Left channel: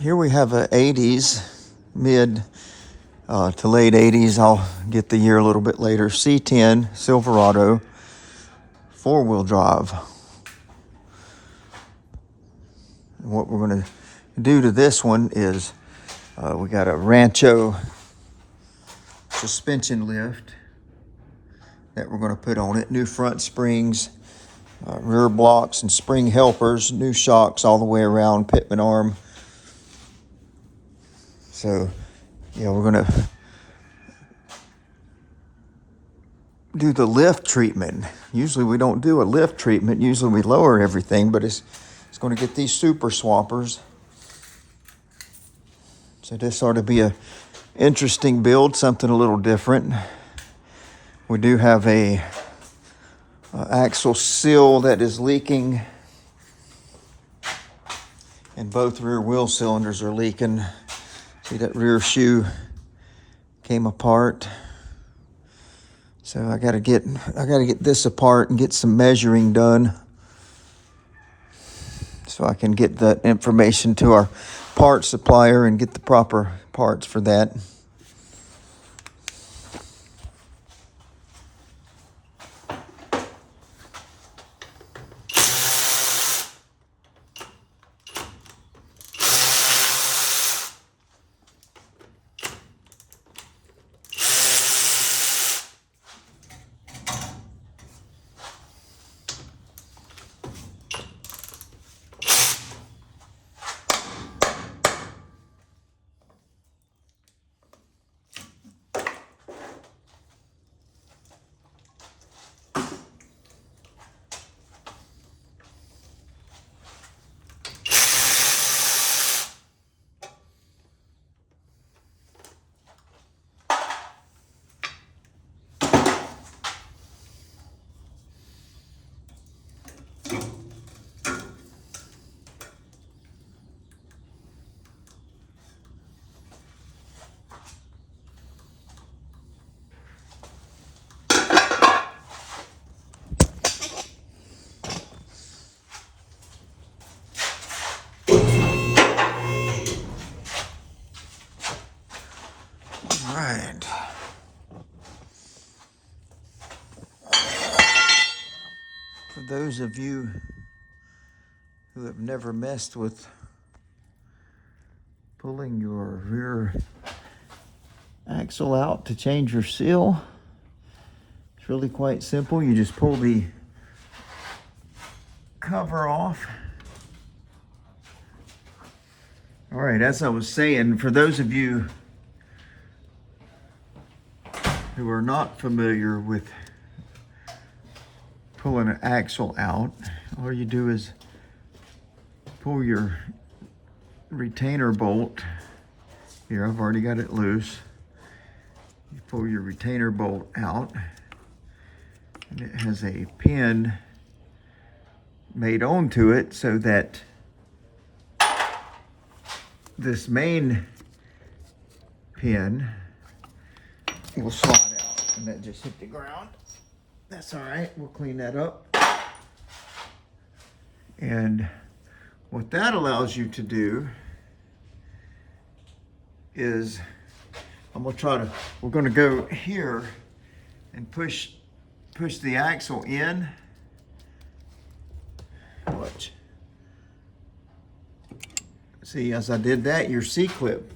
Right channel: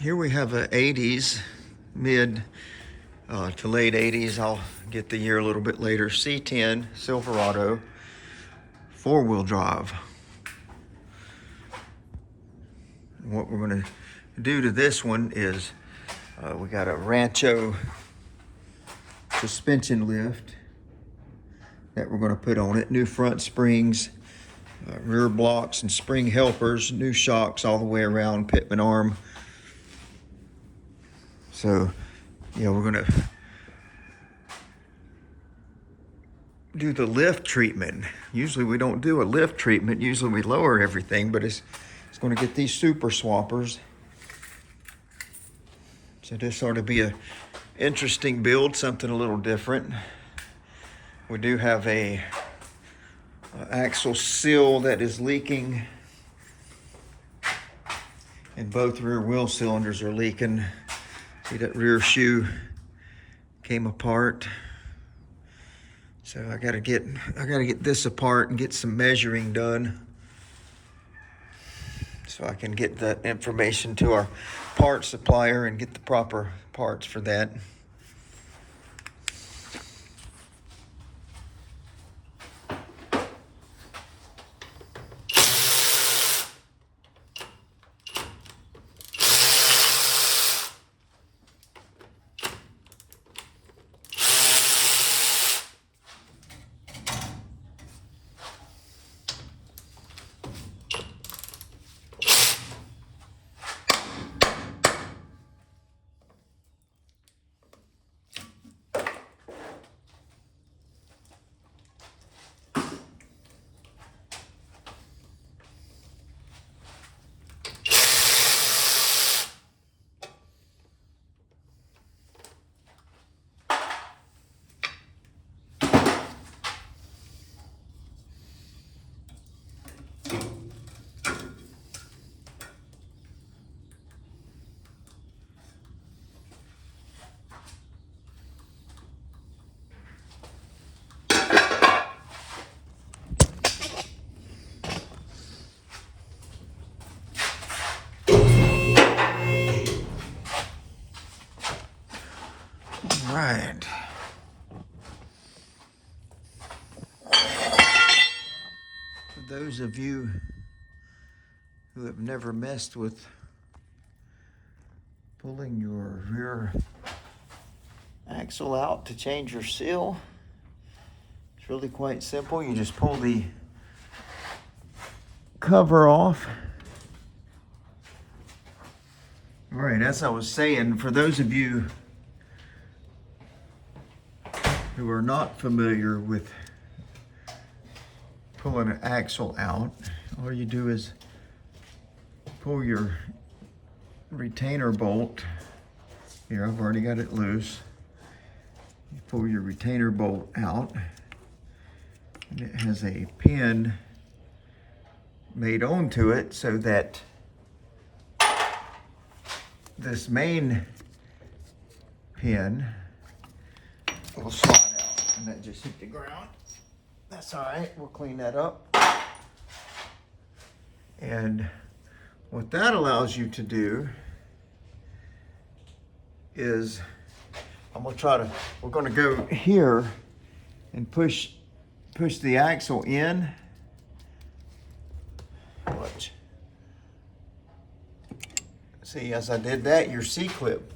Here we have a 80s, mid to late 80s. I'll get the year a little bit later. C10 Silverado, four-wheel drive. And what we're going to do to this one is we got a Rancho suspension lift that we're going to put on it. New front springs, rear blocks and spring helpers, new shocks all the way around, Pitman arm. So, we're gonna do the lift treatment. Usually we don't do a lift treatment. Usually we lower everything, but it's going to get these super swappers. So this ought to be a interesting build, something a little different. We do have a axle seal that is leaking, and both rear wheel cylinders are leaking. See, that rear shoe came apart. So I gotta get this apart and get some measuring done so I can get that information to our parts supplier and get the proper parts for that. All right. For those of you who have never messed with pulling your rear axle out to change your seal, it's really quite simple. You just pull the cover off. All right, as I was saying, for those of you who are not familiar with pulling an axle out, all you do is pull your retainer bolt. Here, I've already got it loose. You pull your retainer bolt out, and it has a pin made onto it so that this main pin will slide out, and that just hit the ground. That's all right, we'll clean that up. And what that allows you to do is, we're gonna go here and push the axle in. Watch. See, as I did that, your C-clip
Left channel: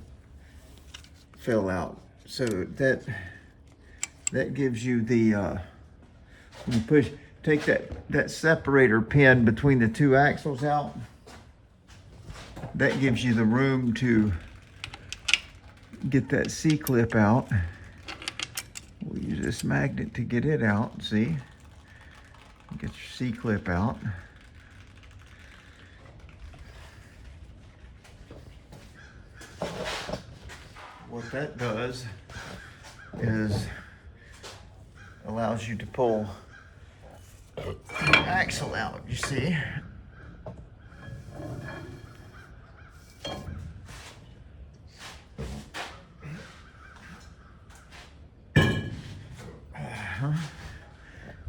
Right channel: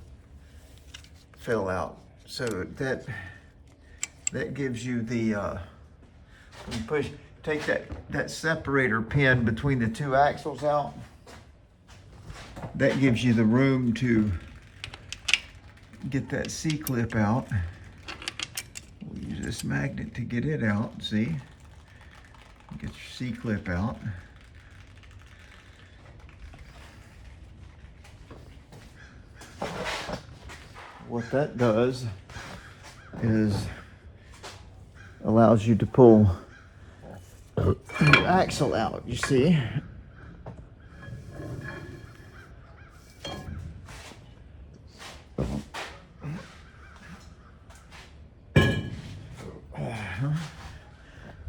fell out. So that gives you the, you take that separator pin between the two axles out. That gives you the room to get that C-clip out. We'll use this magnet to get it out, see? Get your C-clip out. What that does is allows you to pull the axle out, you see?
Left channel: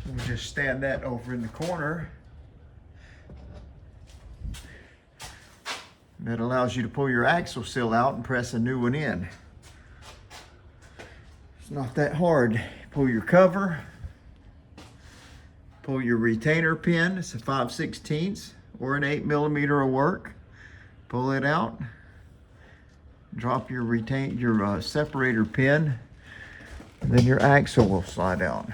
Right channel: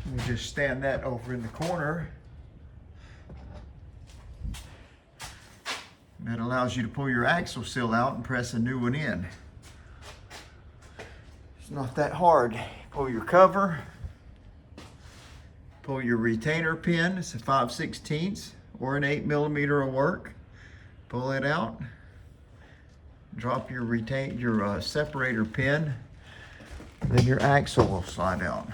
Let me just stand that over in the corner. That allows you to pull your axle seal out and press a new one in. It's not that hard. Pull your cover, pull your retainer pin. It's a 5/16 or an 8mm will work. Pull it out. Drop your separator pin. Then your axle will slide out.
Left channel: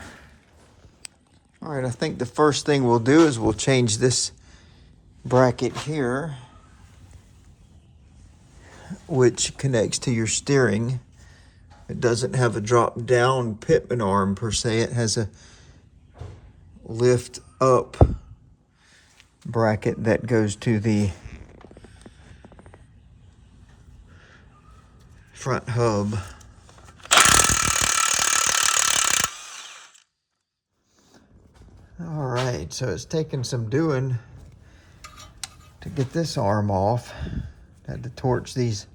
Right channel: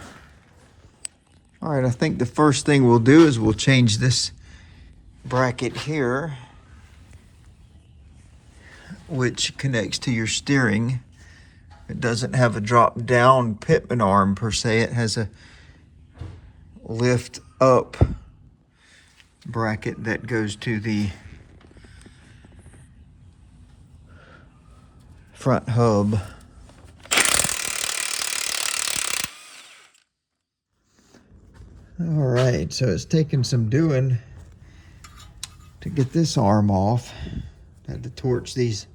All right, I think the first thing we'll do is we'll change this bracket here, which connects to your steering. It doesn't have a drop down pitman arm per se. It has a lift up bracket that goes to the front hub. All right, so it's taken some doing to get this arm off. Had to torch these,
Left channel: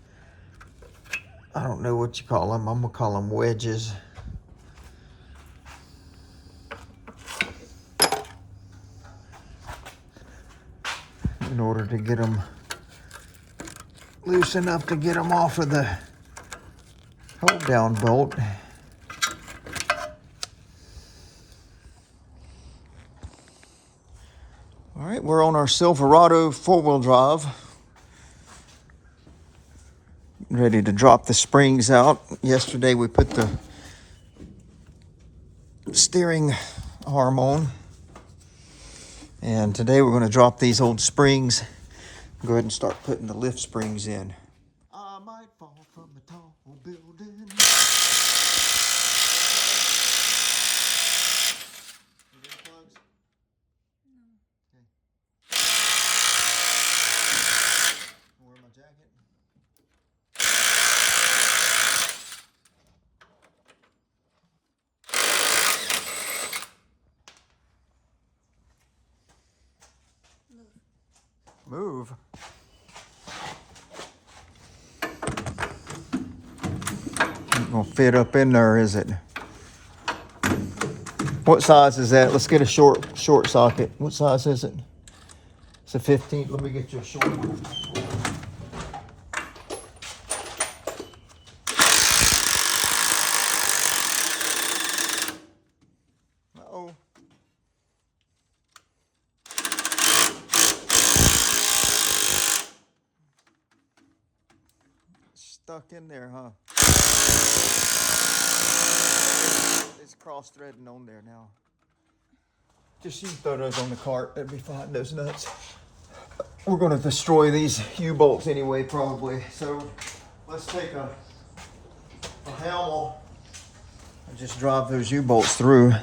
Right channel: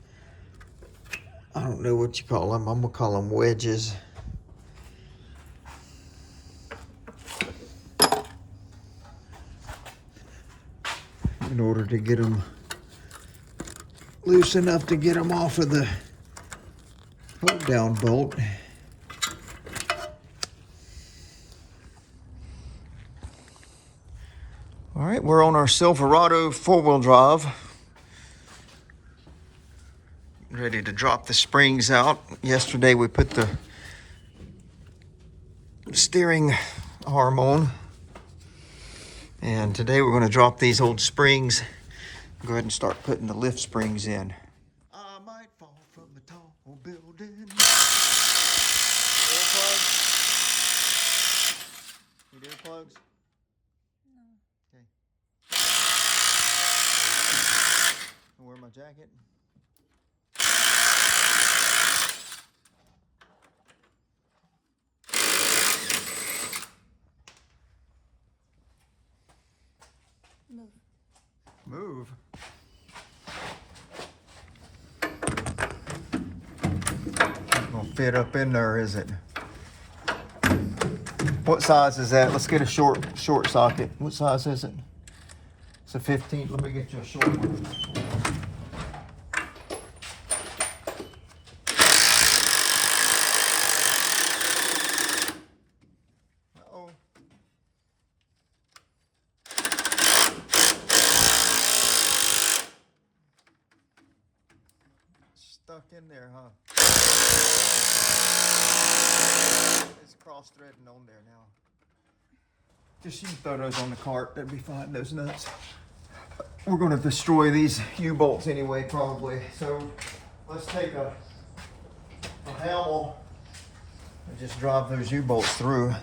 I don't know what you call them. I'm gonna call them wedges. In order to get them loose enough to get them off of the hold down bolt. All right, we're on our Silverado 4-wheel drive. Ready to drop the springs out. Yesterday we put the steering arm on. And today we're going to drop these old springs. Go ahead and start putting the lift springs in. I might fall from a tall building. Earplugs? Okay. I'll wear my jacket. Move. Not gonna fit up in there, is it? What size is that? Let's get a short socket. What size is it? It's a 15. Let me get you a short. Uh-oh. Stuck in there, huh? It's cross-threading on there now. Just you throw those on the cart. That'd be fine. Those nuts. We're going to destroy these U-bolts anyway, probably. So let's take a Hamel and just drive those U-bolts through.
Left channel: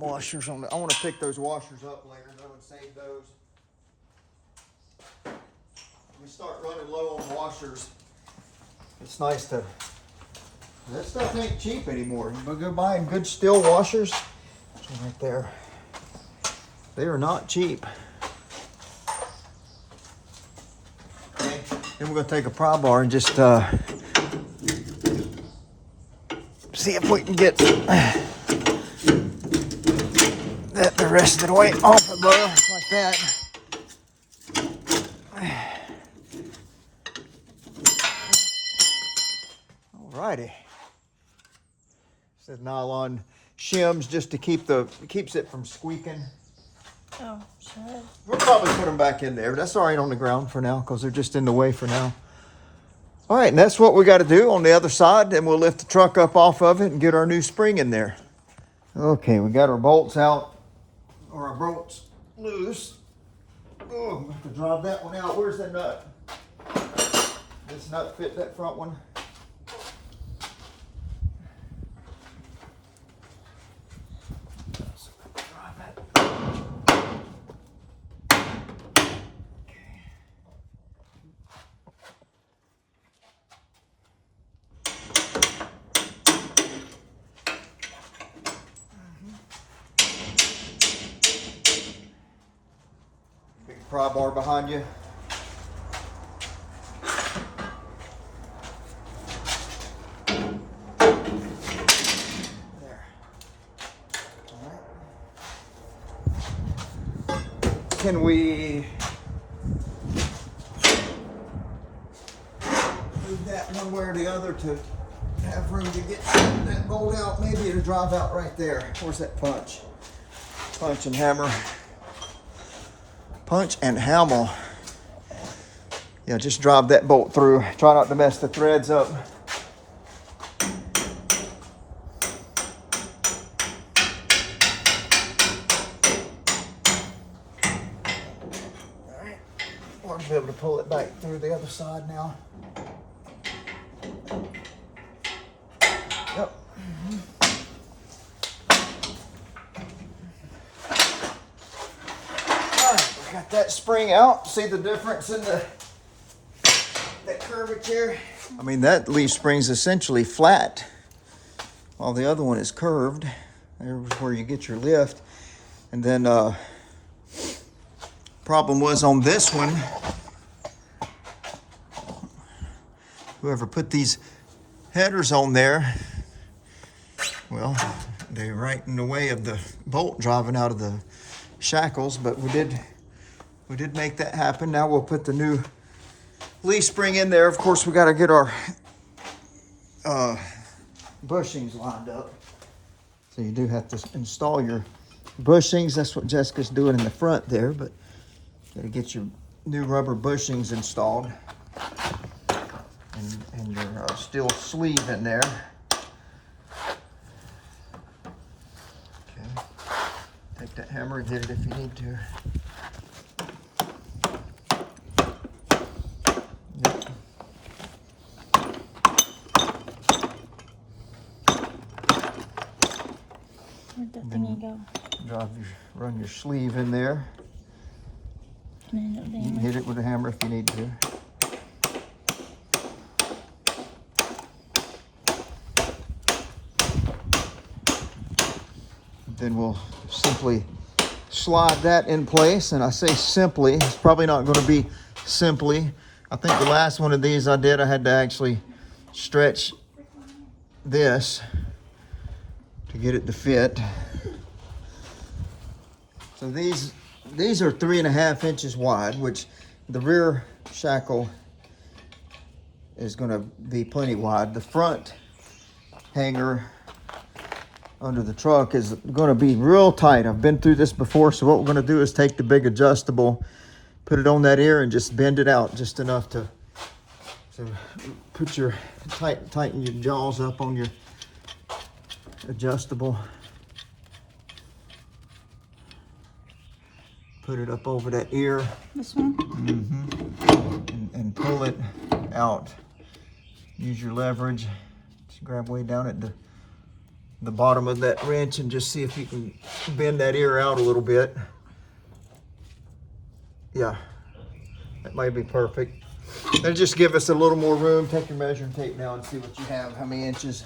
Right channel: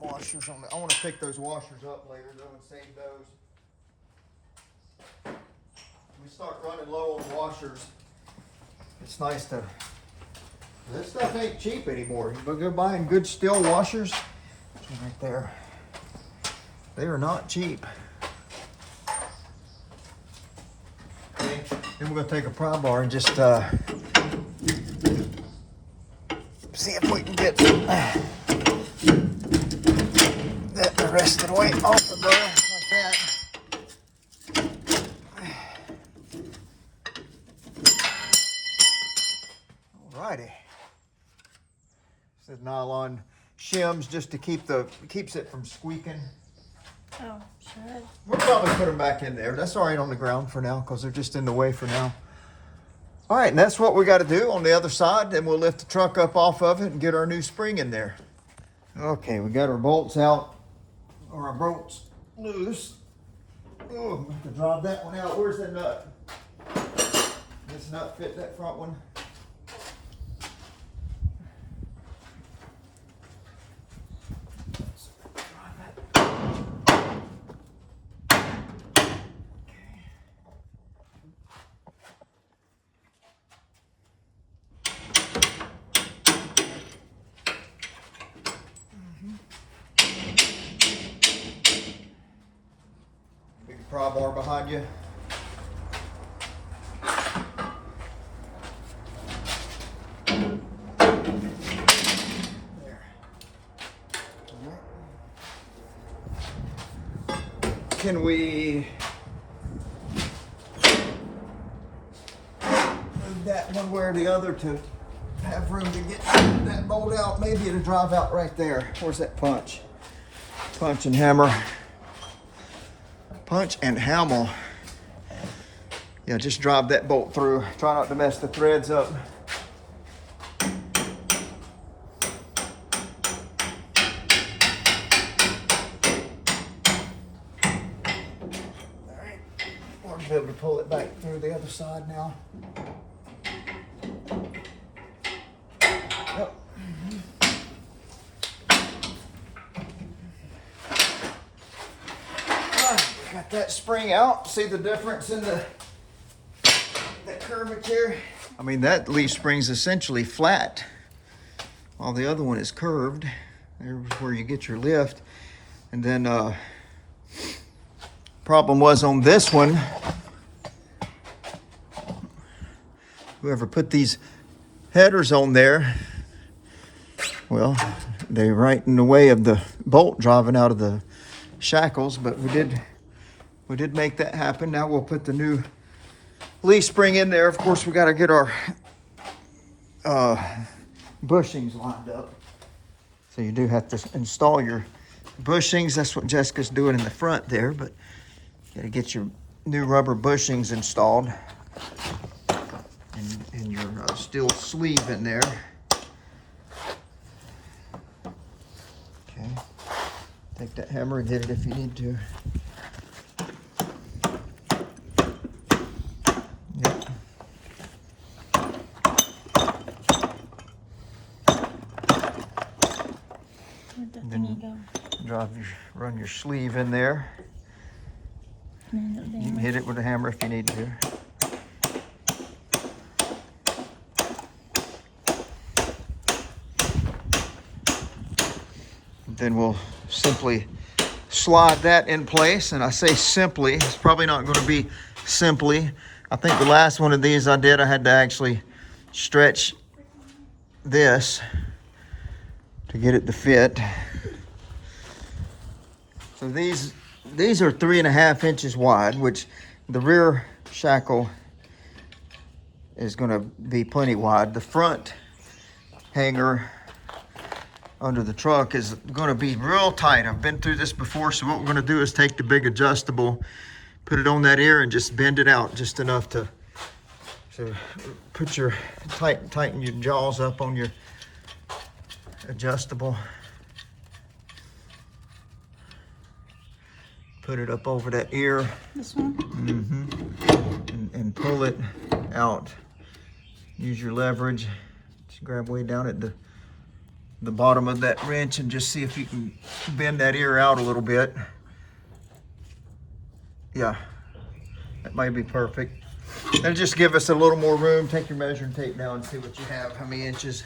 Washers on I want to pick those washers up later though and save those. When we start running low on washers, it's nice to. This stuff ain't cheap anymore. You go buying good steel washers. Right there. They are not cheap. Okay. Then we're going to take a pry bar and just see if we can get that the rest of the way off the bar like that. Alrighty. This is nylon shims just to keeps it from squeaking. Oh, sure. We'll probably put them back in there, but that's all right on the ground for now because they're just in the way for now. All right, and that's what we got to do on the other side, and we'll lift the truck up off of it and get our new spring in there. Okay, we got our bolts out, or our bolts loose. Oh, we have to drive that one out. Where's that nut? This nut fit that front one? Pry bar behind you. There. All right. can we move that one way or the other to have room to get that bolt out? Maybe it'll drive out right there. Where's that punch? Punch and hammer. Punch and hammer. Yeah, just drive that bolt through. Try not to mess the threads up. Alright, we'll be able to pull it back through the other side now. Yep. Got that spring out. See the difference in the curvature? I mean, that leaf spring's essentially flat, while the other one is curved. There's where you get your lift. And then problem was on this one, whoever put these headers on there, well, they're right in the way of the bolt driving out of the shackles, but we did make that happen. Now we'll put the new leaf spring in there. Of course, we got to get our bushings lined up. So you do have to install your bushings. That's what Jessica's doing in the front there, but you got to get your new rubber bushings installed and your steel sleeve in there. Okay, take that hammer and hit it if you need to. Run your sleeve in there. You can hit it with a hammer if you need to. Then we'll simply slide that in place. And I say simply, it's probably not going to be simply. I think the last one of these I had to actually stretch this to get it to fit. So these are 3.5 inches wide, which the rear shackle is going to be plenty wide. The front hanger under the truck is going to be real tight. I've been through this before, so what we're going to do is take the big adjustable, put it on that ear, and just bend it out just enough to put your tighten your jaws up on your adjustable. Put it up over that ear. This one? Mm-hmm. And pull it out. Use your leverage. Just grab way down at the bottom of that wrench and just see if you can bend that ear out a little bit. Yeah, that might be perfect. That'll just give us a little more room. Take your measuring tape now and see what you have, how many inches.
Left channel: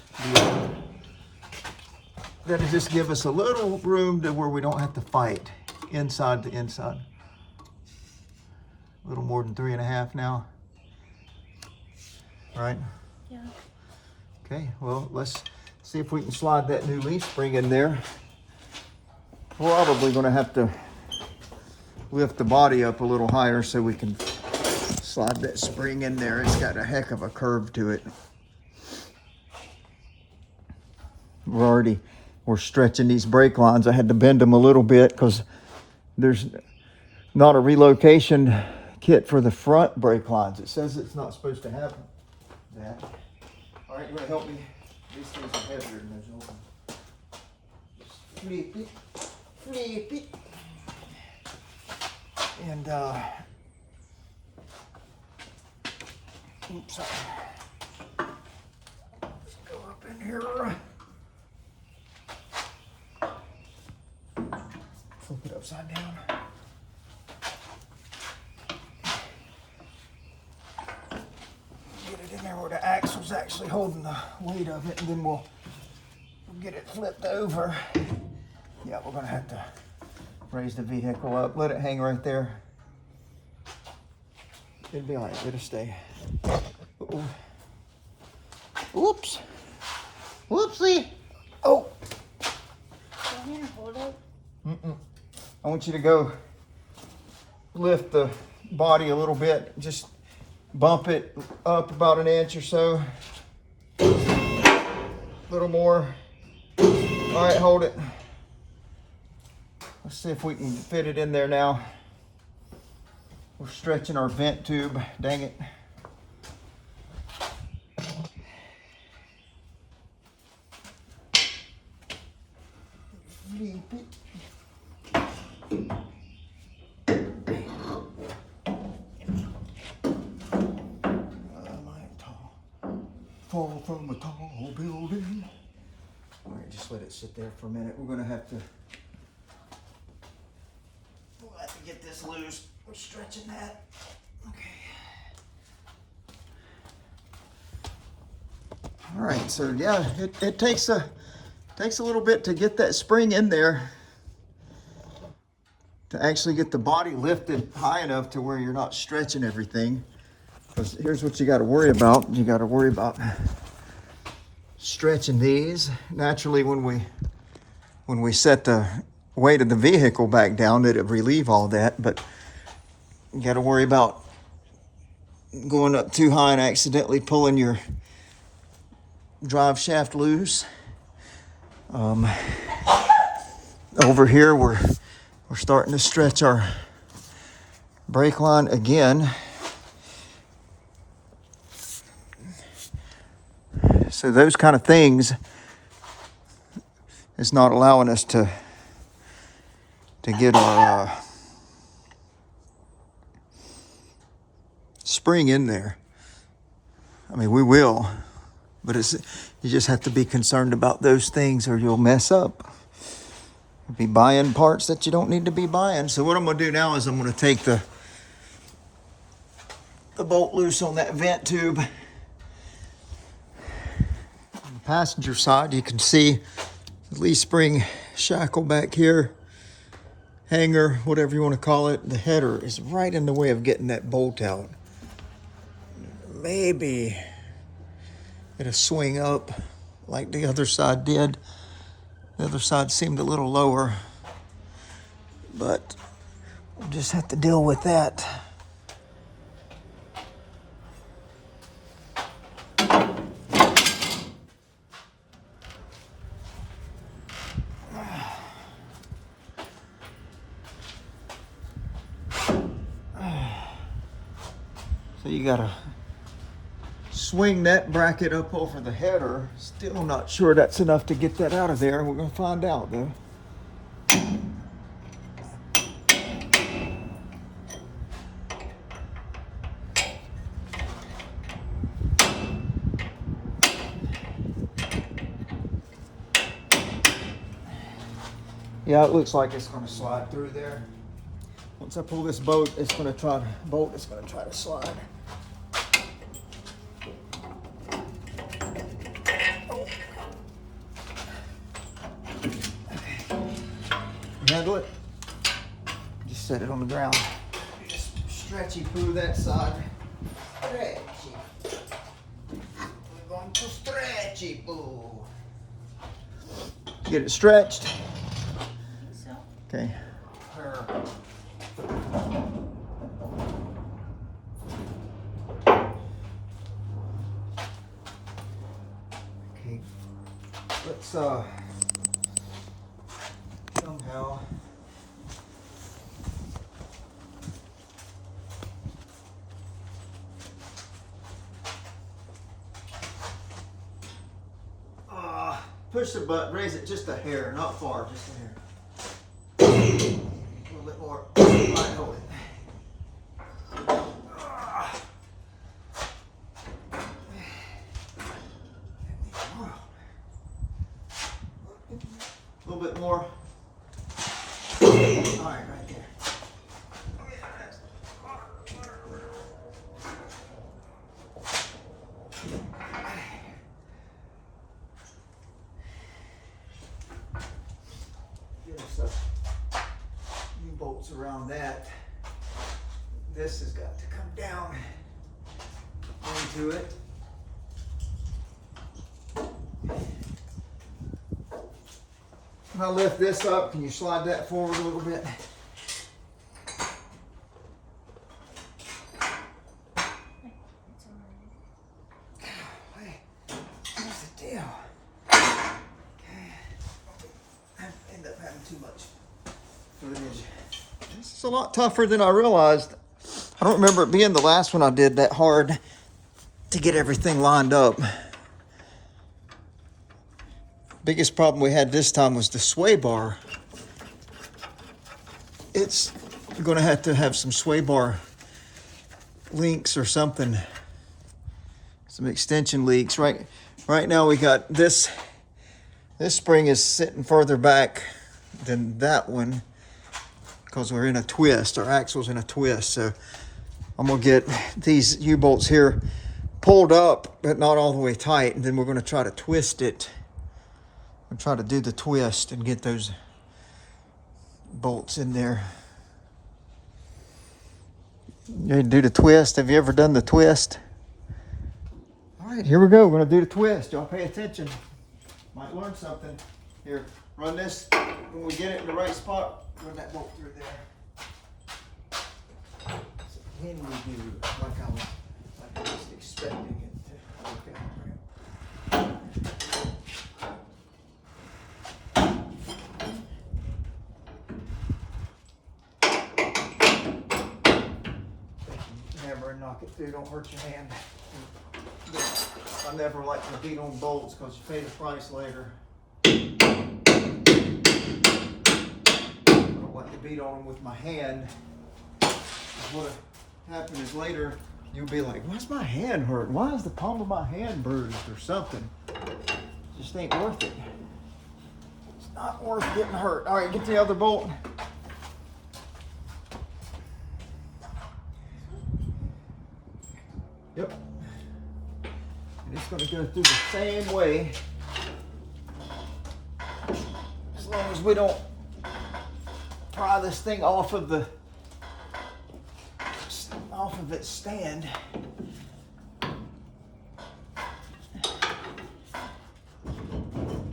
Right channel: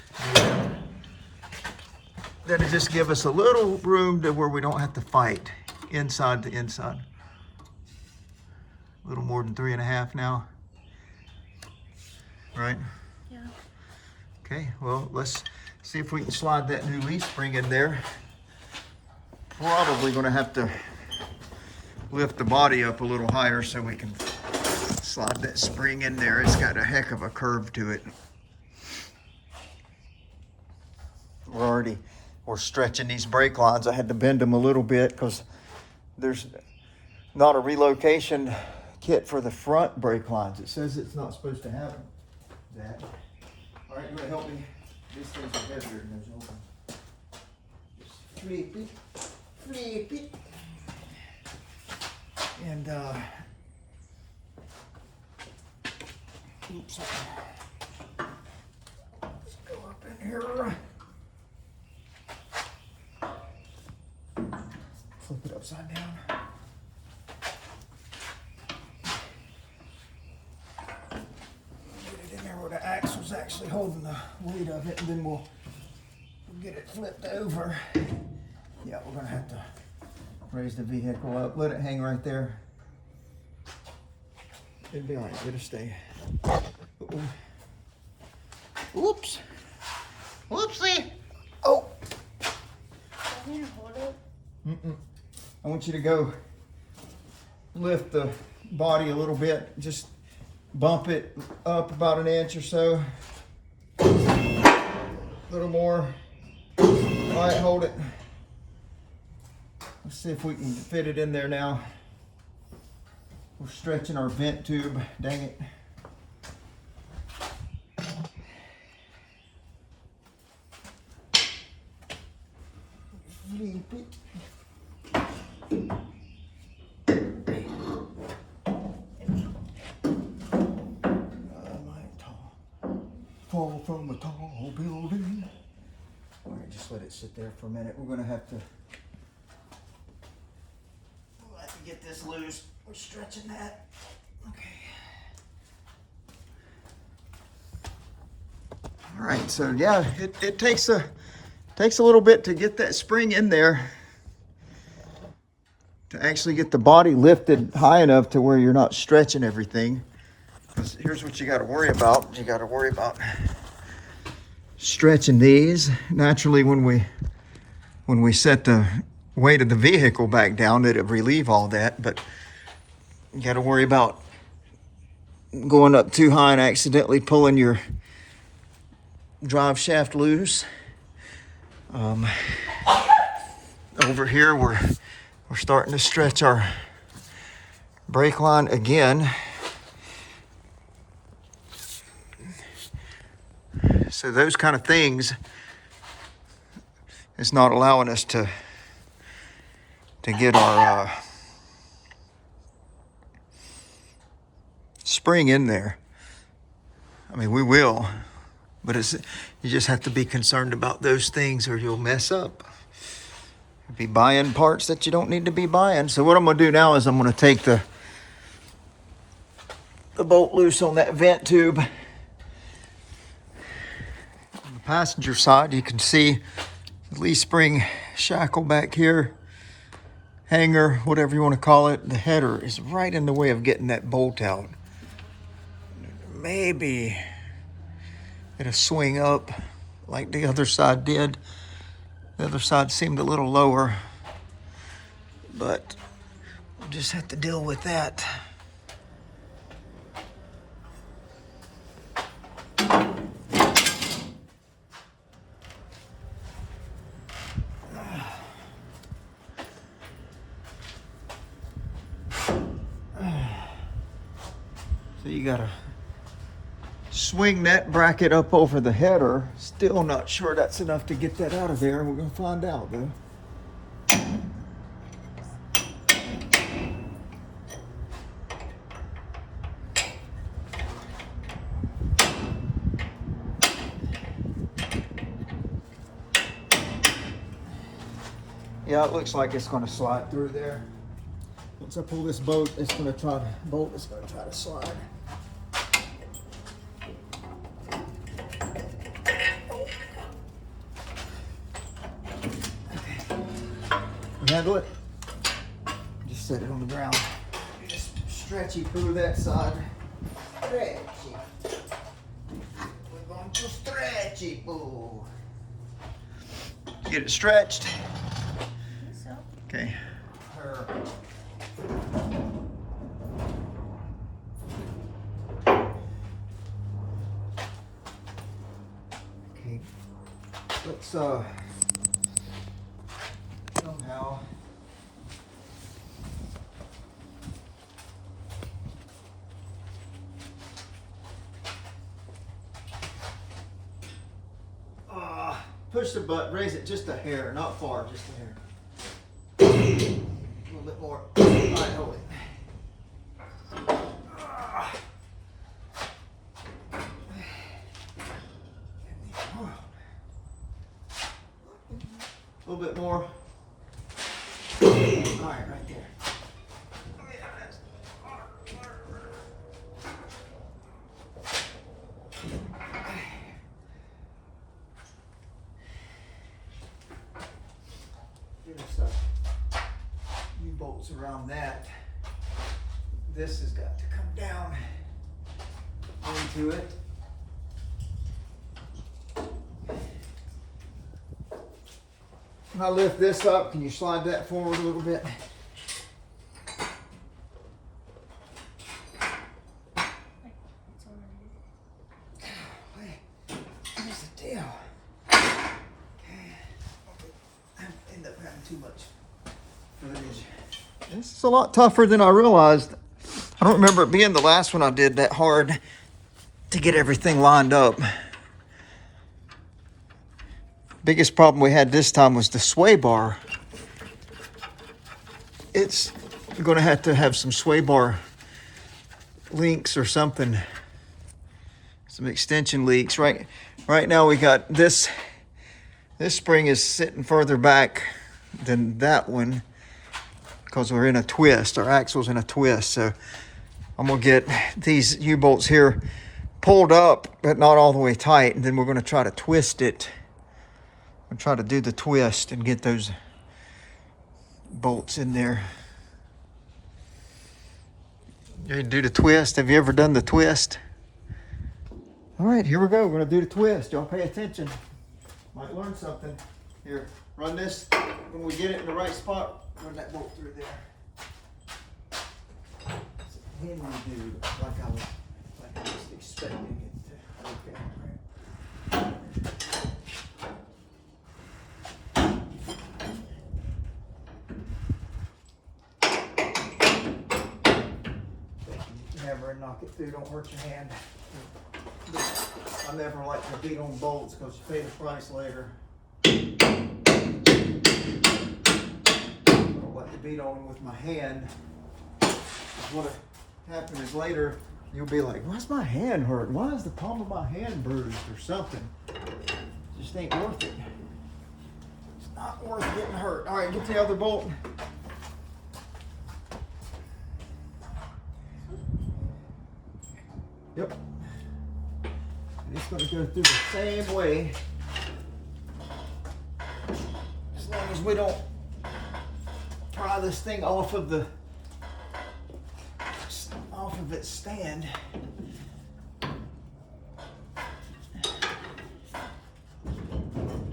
That'll just give us a little room to where we don't have to fight inside to inside. A little more than 3.5 now. Right? Yeah. Okay, well, let's see if we can slide that new leaf spring in there. Probably gonna have to lift the body up a little higher so we can slide that spring in there. It's got a heck of a curve to it. We're stretching these brake lines. I had to bend them a little bit because there's not a relocation kit for the front brake lines. It says it's not supposed to have that. All right, you want to help me? These things are heavier than those old ones. Just flip it, and oops, let's go up in here. Flip it upside down. Get it in there where the axle's actually holding the weight of it, and then we'll get it flipped over. Yeah, we're gonna have to raise the vehicle up. Let it hang right there. It'll be all right, it'll stay. Uh-oh. Oops. Whoopsie. Oh. I want you to go lift the body a little bit. Just bump it up about an inch or so. A little more. All right, hold it. Let's see if we can fit it in there now. We're stretching our vent tube. Dang it. Fall from a tall building. All right, just let it sit there for a minute. We'll have to get this loose. We're stretching that. Okay. All right, so yeah, it takes a little bit to get that spring in there, to actually get the body lifted high enough to where you're not stretching everything. Because here's what you got to worry about. You got to worry about stretching these. Naturally, when we set the weight of the vehicle back down, that it relieve all that. But you got to worry about going up too high and accidentally pulling your drive shaft loose. Over here, we're starting to stretch our brake line again. So those kind of things is not allowing us to get our spring in there. I mean, we will, but you just have to be concerned about those things or you'll mess up. Be buying parts that you don't need to be buying. So what I'm gonna do now is I'm gonna take the bolt loose on that vent tube. On the passenger side, you can see the leaf spring shackle back here, hanger, whatever you want to call it. The header is right in the way of getting that bolt out. Maybe it'll swing up like the other side did. The other side seemed a little lower, but we'll just have to deal with that. So you gotta swing that bracket up over the header. Still not sure that's enough to get that out of there. We're gonna find out though. Yeah, it looks like it's gonna slide through there. Once I pull this bolt, it's gonna try to slide. Handle it. Just set it on the ground. Just stretchy through that side. Stretchy. We're going to stretchy poo. Get it stretched. So. Okay. Okay. Let's somehow push the button, raise it just a hair, not far, just a hair. A little bit more. All right, hold it. A little bit more. All right, right there. Get us a few bolts around that. This has got to come down into it. When I lift this up, can you slide that forward a little bit? footage. This is a lot tougher than I realized. I don't remember it being the last one I did that hard to get everything lined up. Biggest problem we had this time was the sway bar. It's gonna have to have some sway bar links or something. Some extension leaks. Right now we got this spring is sitting further back than that one because we're in a twist. Our axle's in a twist. So I'm gonna get these U-bolts here pulled up, but not all the way tight. And then we're gonna try to twist it. I'll try to do the twist and get those bolts in there. You do the twist. Have you ever done the twist? All right, here we go. We're gonna do the twist. Y'all pay attention. Might learn something. Here, run this. When we get it in the right spot, run that bolt through there. So when we do, like I was expecting it to work out. Hammer and knock it through. Don't hurt your hand. I never like to beat on bolts because you pay the price later. I don't like to beat on them with my hand. What'll happen is later you'll be like, why's my hand hurt? Why is the palm of my hand bruised or something? It just ain't worth it. It's not worth getting hurt. All right, get the other bolt. Yep. And it's going to go through the same way as long as we don't pry this thing off of its stand.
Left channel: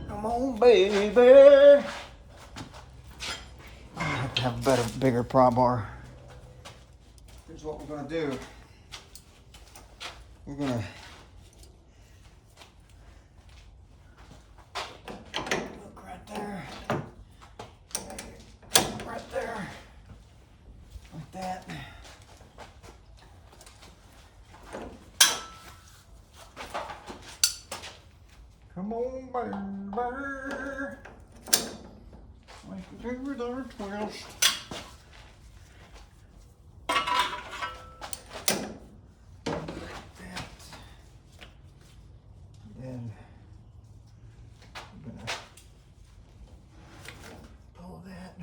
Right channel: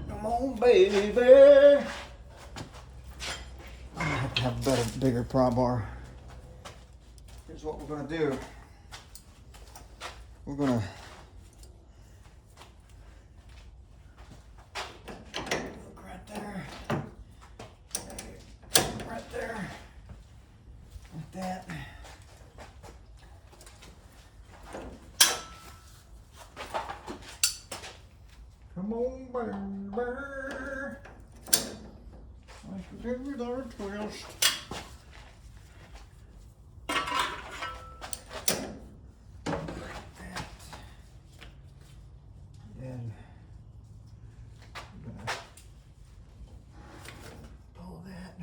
Come on, baby. I'm gonna have to have a bigger pry bar. Here's what we're gonna do. We're gonna look right there, like that. Come on, baby. Like a favorite or twist. And I'm gonna pull that.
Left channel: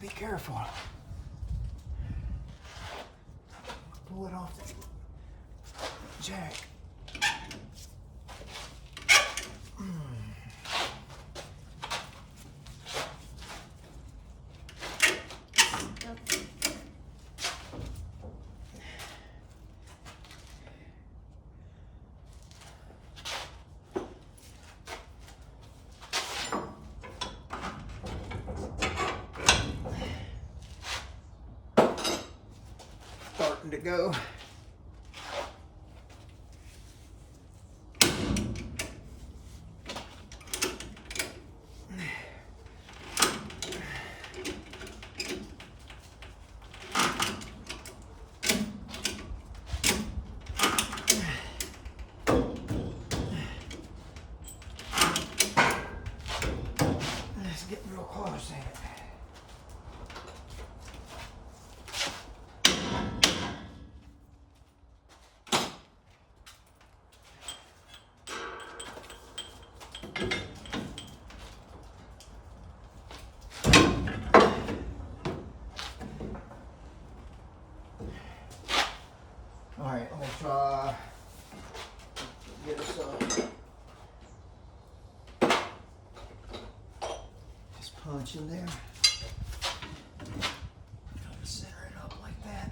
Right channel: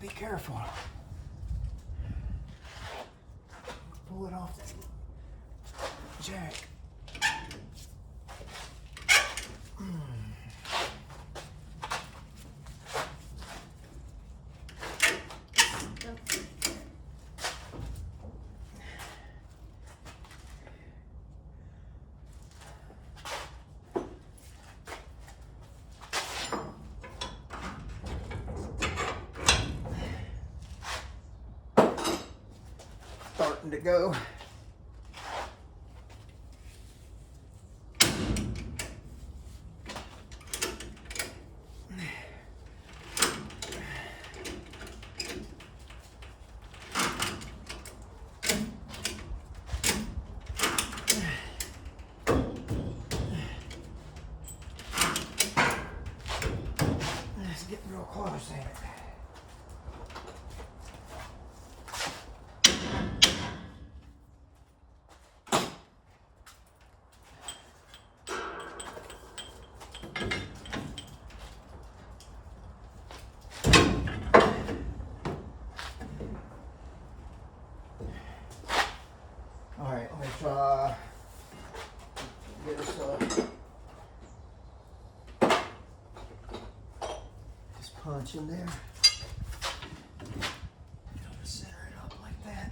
Be careful. Pull it off that jack. Starting to go. It's getting real close, ain't it? All right, let me try get this just punch in there. Center it up like that.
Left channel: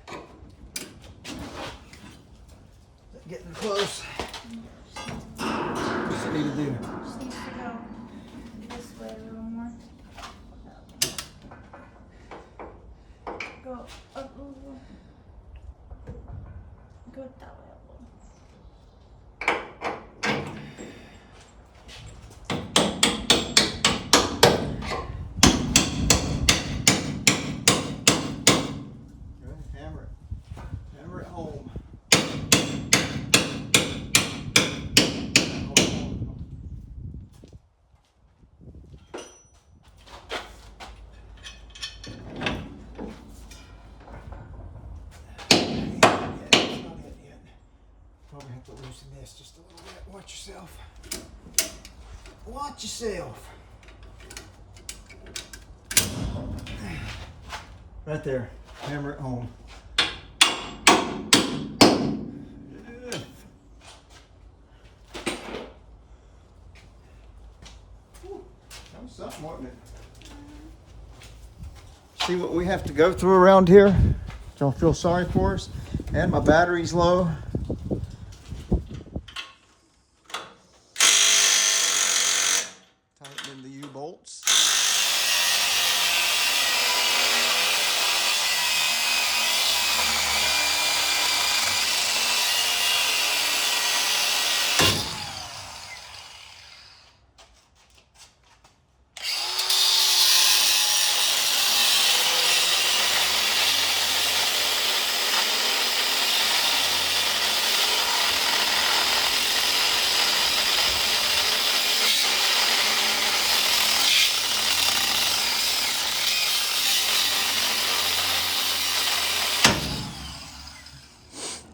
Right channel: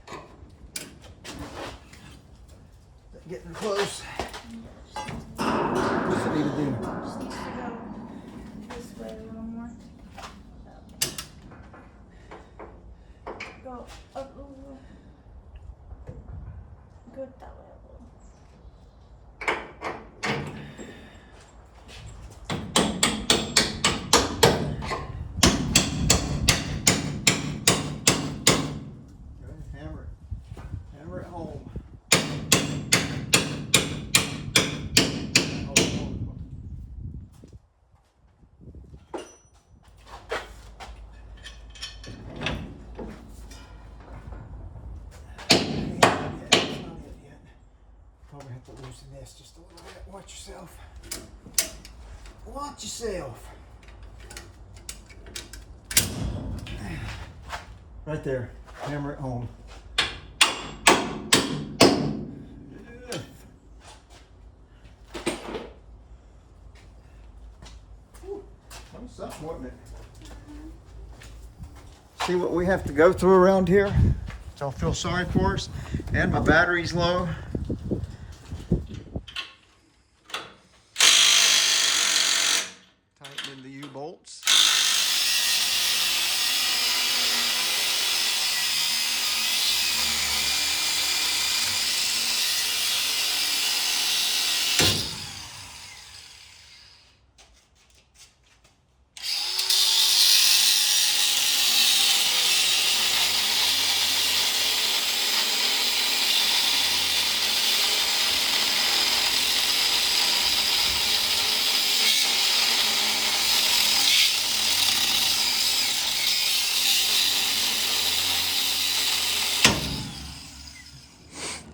Getting close. What's it need to do? Just needs to go this way a little more. Go up a little. Go that way a little. Good. Hammer it. Hammer it home. Probably have to loosen this just a little bit. Watch yourself. Watch yourself. Right there. Hammer it home. That was something, wasn't it? See what we have to go through around here? Y'all feel sorry for us? And my battery's low. Tightening the U-bolts.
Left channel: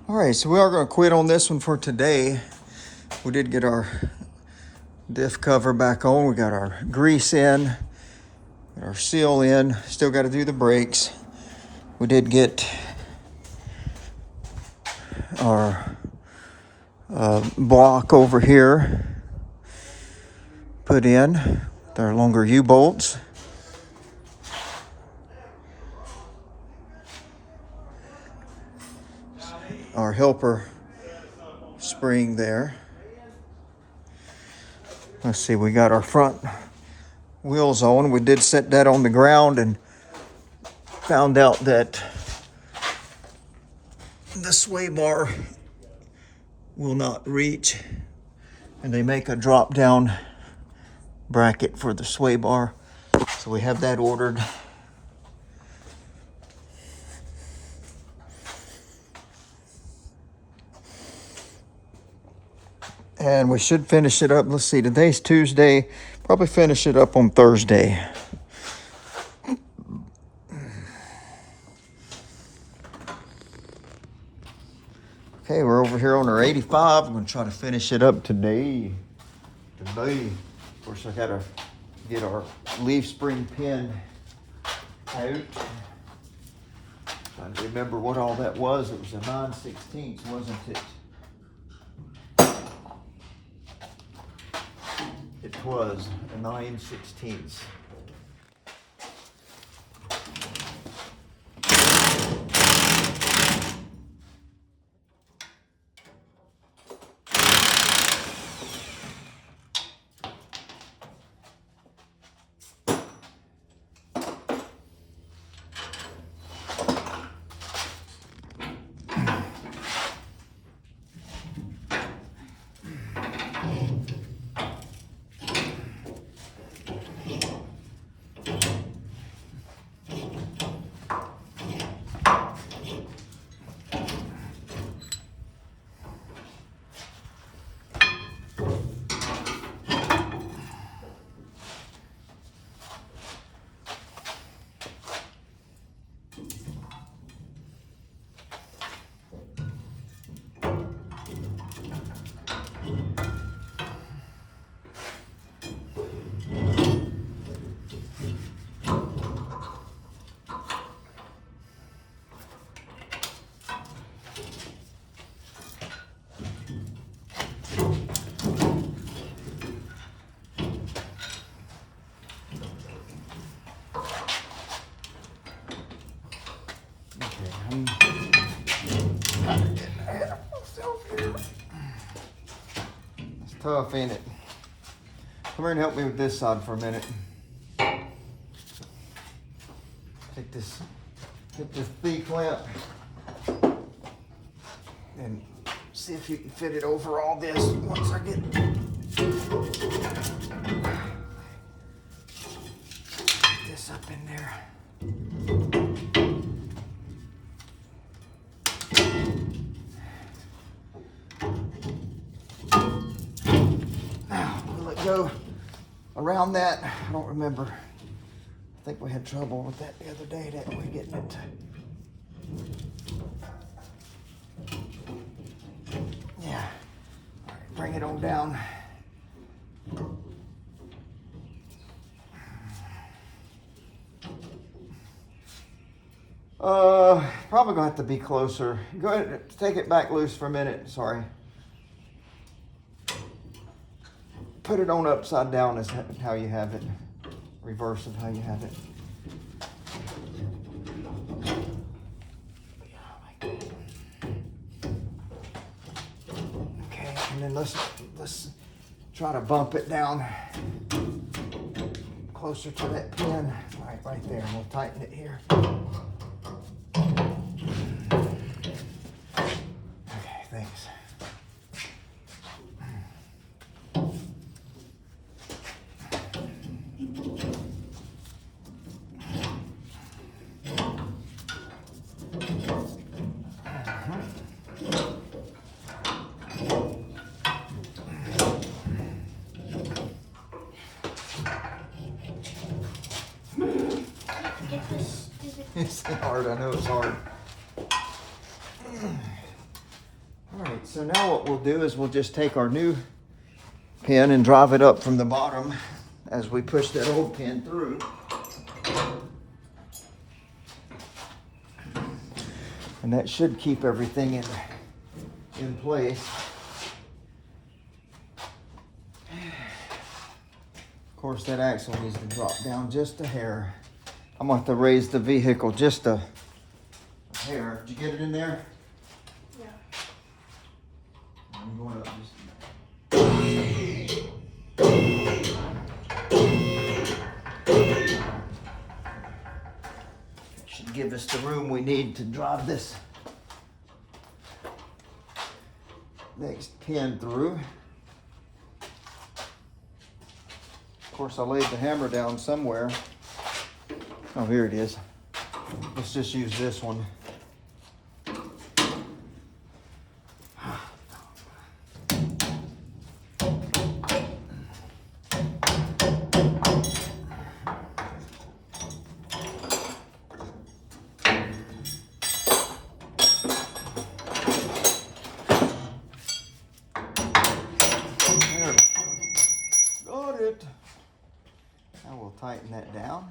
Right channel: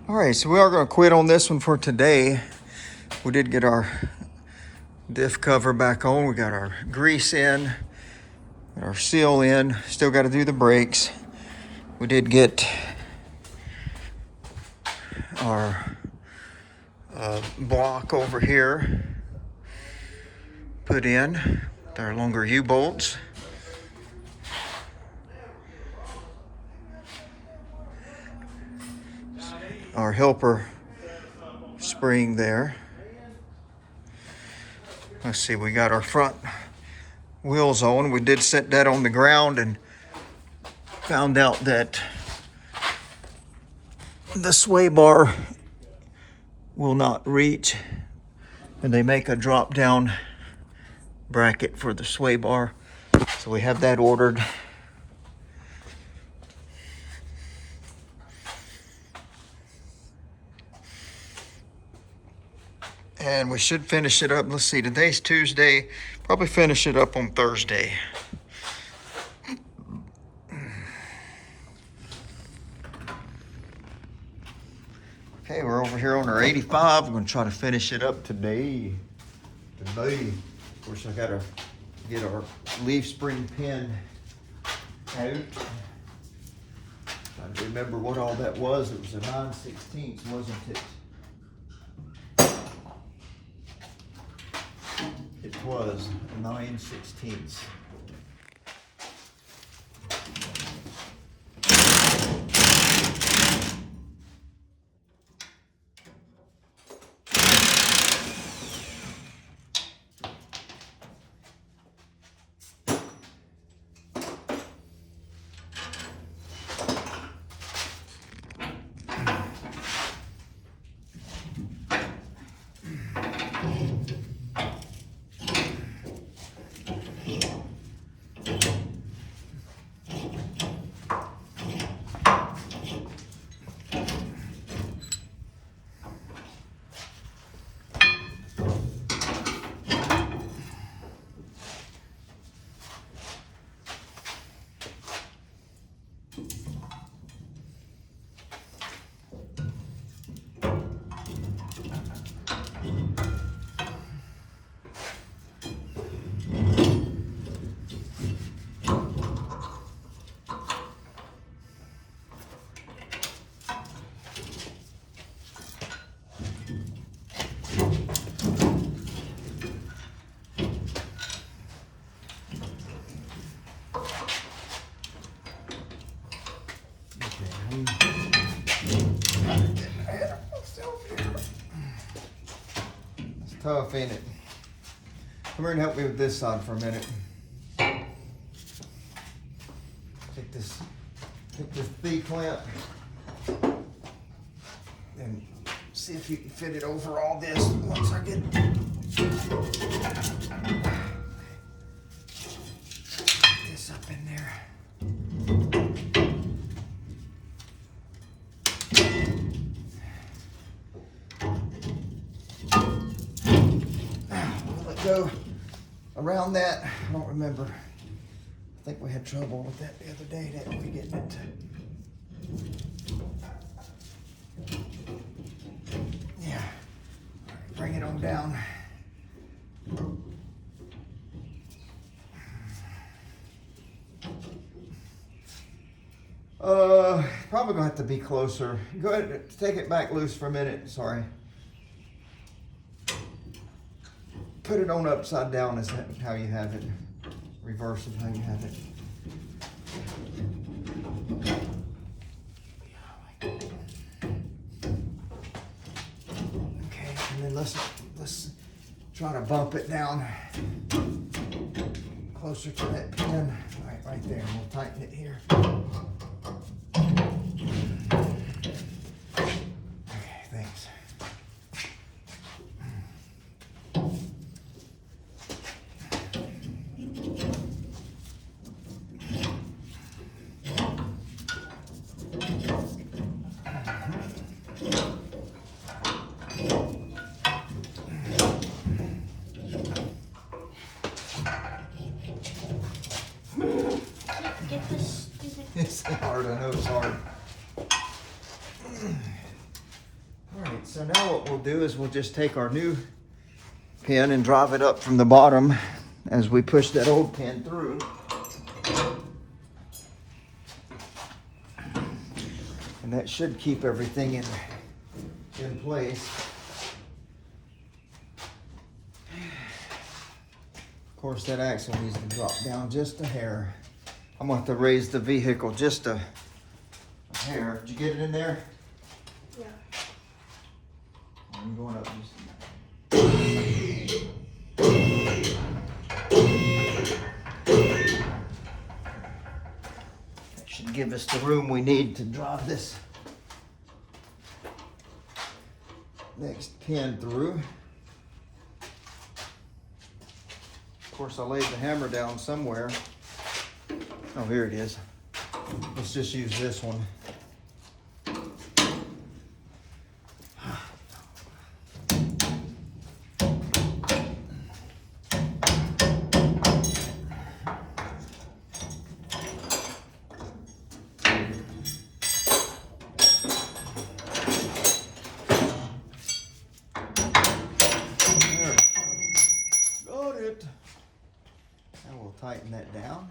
All right, so we are going to quit on this one for today. We did get our diff cover back on. We got our grease in, got our seal in. Still got to do the brakes. We did get our block over here put in with our longer U-bolts. Our helper spring there. Let's see, we got our front wheels on. We did set that on the ground and found out that the sway bar will not reach, and they make a drop down bracket for the sway bar. So we have that ordered. And we should finish it up. Let's see, today's Tuesday. Probably finish it up on Thursday. Okay, we're over here on our 85. I'm gonna try to finish it up today. Of course, I gotta get our leaf spring pin out. Trying to remember what all that was. It was a 9/16, wasn't it? It was a 9/16. tough, ain't it? Come here and help me with this side for a minute. Take this, get this V-clamp and see if you can fit it over all this once I get this up in there. Will it go around that? I don't remember. I think we had trouble with that the other day, didn't we, getting it? Yeah. All right, bring it on down. Probably gonna have to be closer. Go ahead, take it back loose for a minute, sorry. Put it on upside down is how you have it. Reverse is how you have it. Okay, and then let's try to bump it down closer to that pin. Right there, and we'll tighten it here. Okay, thanks. Get this stupid. It's hard, I know it's hard. Alright, so now what we'll do is we'll just take our new pin and drive it up from the bottom as we push that old pin through. And that should keep everything in place. Of course, that axle needs to drop down just a hair. I'm going to have to raise the vehicle just a hair. Did you get it in there? Yeah. I'm going up just. That should give us the room we need to drive this next pin through. Of course, I laid the hammer down somewhere. Oh, here it is. Let's just use this one. There. Got it. I will tighten that down.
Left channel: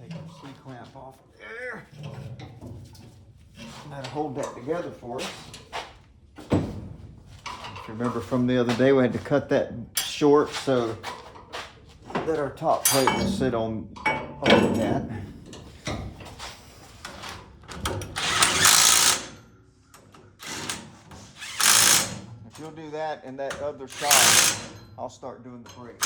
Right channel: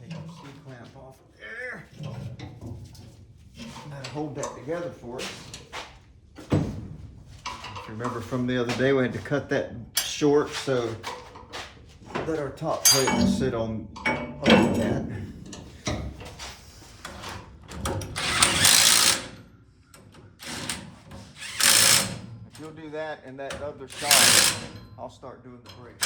Take our C-clamp off there. And that'll hold that together for us. If you remember from the other day, we had to cut that short so that our top plate will sit on over that. If you'll do that and that other side, I'll start doing the brake.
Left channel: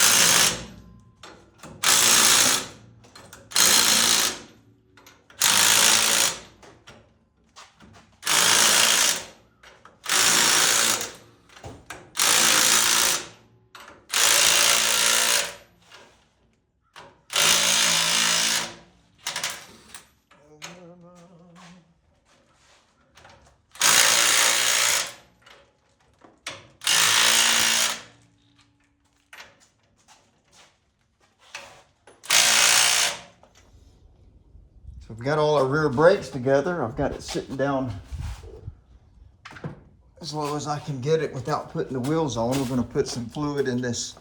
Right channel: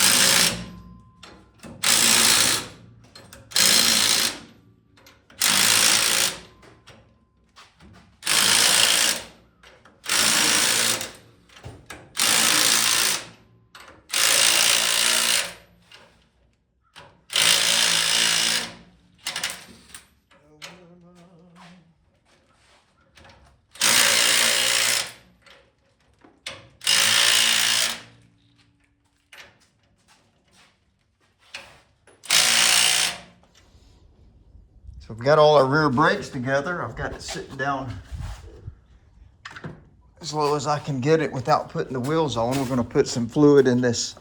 So we've got all our rear brakes together. I've got it sitting down as low as I can get it without putting the wheels on. We're going to put some fluid in this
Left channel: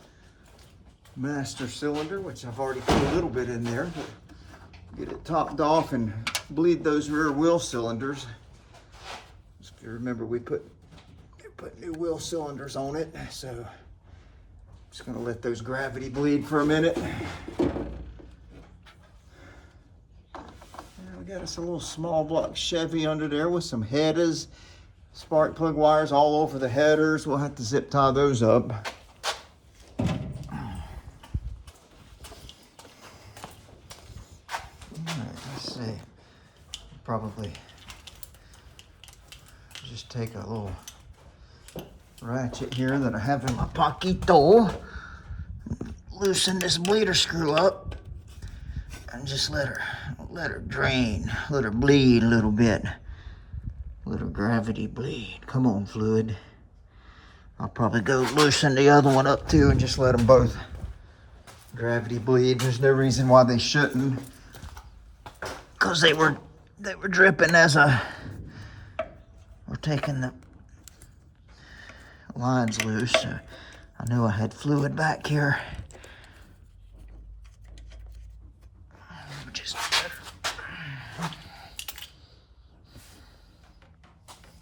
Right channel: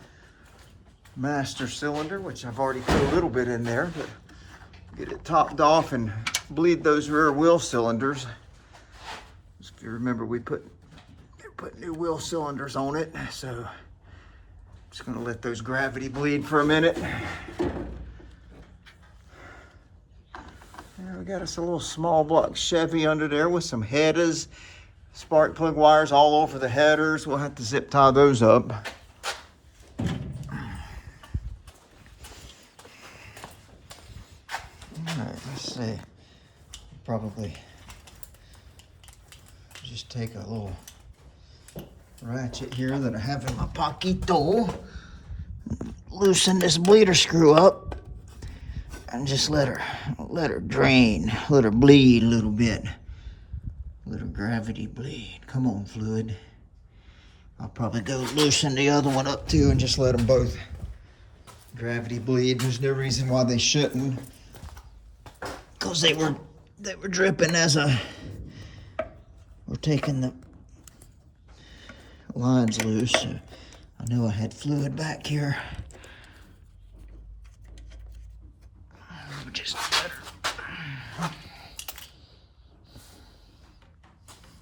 master cylinder, which I've already put a little bit in there, but get it topped off and bleed those rear wheel cylinders. If you remember, we put new wheel cylinders on it, so I'm just going to let those gravity bleed for a minute. we got us a little small block Chevy under there with some headers, spark plug wires all over the headers. We'll have to zip tie those up. All right, let's see. Probably just take a little ratchet here that I have in my poquito. Loosen this bleeder screw up and just let her drain, let her bleed a little bit. Let her gravity bleed. Come on, fluid. I'll probably go loosen the other one up too and just let them both gravity bleed. There's no reason why they shouldn't, because they were dripping as we're taking the lines loose. So I knew I had fluid back here. Just